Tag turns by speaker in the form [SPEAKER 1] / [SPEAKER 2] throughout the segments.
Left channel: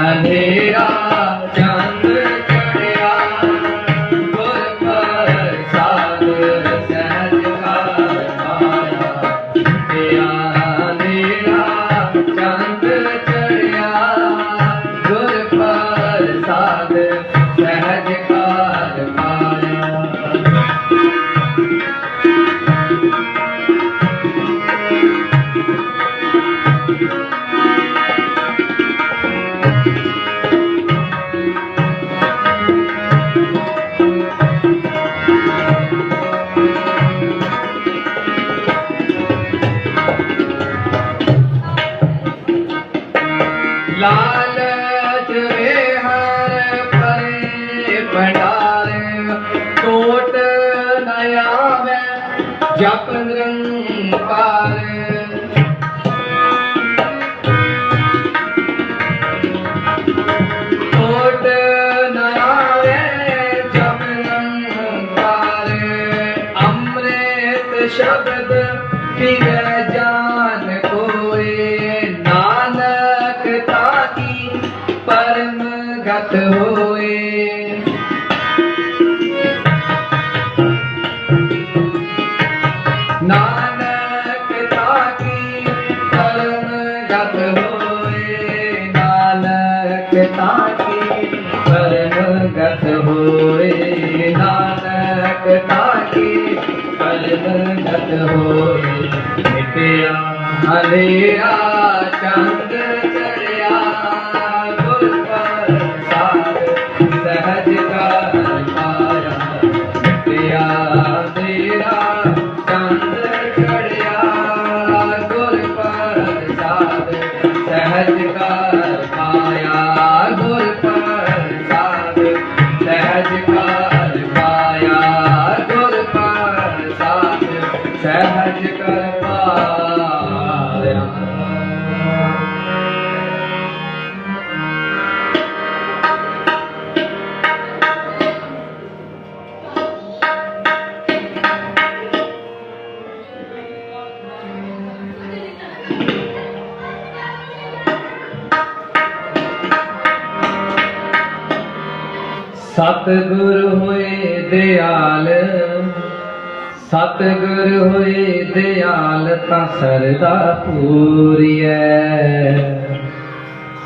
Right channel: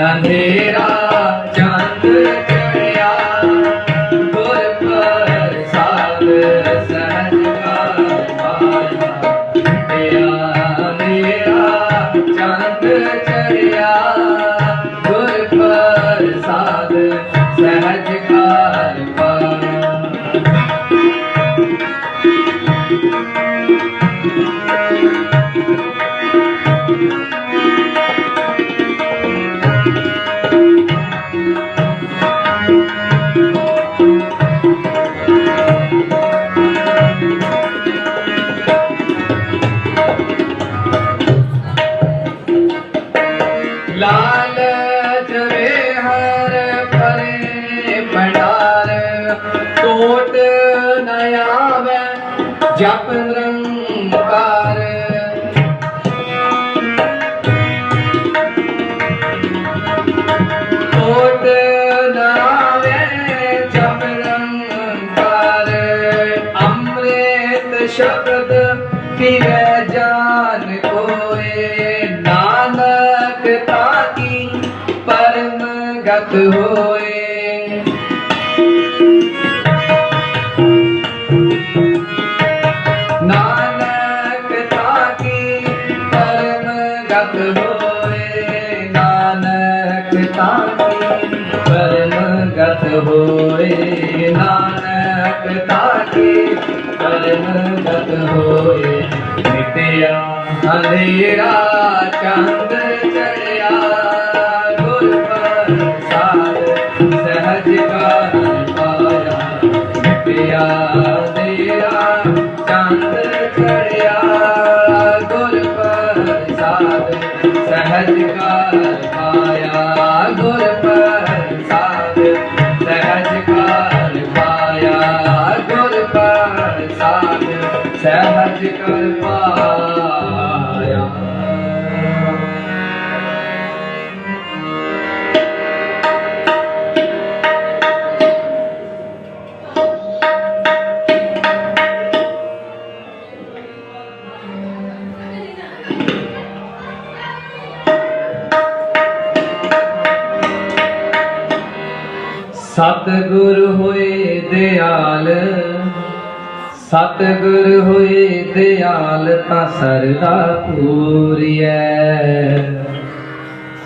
[SPEAKER 1] ਅੰਧੇਰਾ ਚੰਦ ਚੜਿਆ ਗੁਰ ਪ੍ਰਸਾਦ ਸਹਿਜ ਘਰ ਪਾਇਆ। ਮਿਟਿਆ ਅੰਧੇਰਾ ਚੰਦ ਜਪ ਨਿਰੰਕਾਰ ਕੋਟ ਨ ਜਪ ਨਿਰੰਕਾਰ ਅੰਮ੍ਰਿਤ ਸ਼ਬਦ ਫਿਰੈ ਜਾਨ ਕੋਏ। ਨਾਨਕ ਤਾਕੀ ਪਰਮ ਗਤ ਹੋਏ। ਗਤ ਹੋਏ ਨਾਨਕ ਤਾਕੀ ਪਰਮ ਗਤ ਹੋਏ ਨਿਤਿਆ ਹਨੇਰਾ ਚੰਦ ਚੜਿਆ ਗੁਰ ਪ੍ਰਸਾਦ ਸਹਿਜ ਕਾਲ ਪਾਇਆ ਸਤਿਗੁਰ ਹੋਏ ਦਿਆਲ ਸਤਿਗੁਰ ਹੋਏ ਦਿਆਲ ਤਾਂ ਸਰਦਾ ਪੂਰੀਐ।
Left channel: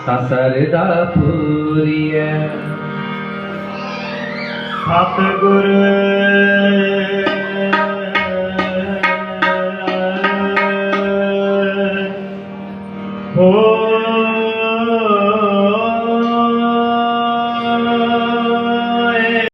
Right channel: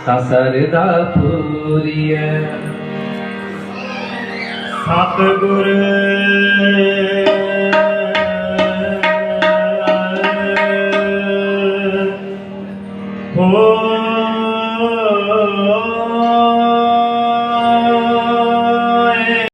[SPEAKER 1] ਤਾਂ ਸਰਦਾ ਪੂਰੀਐ।
[SPEAKER 2] ਹੋ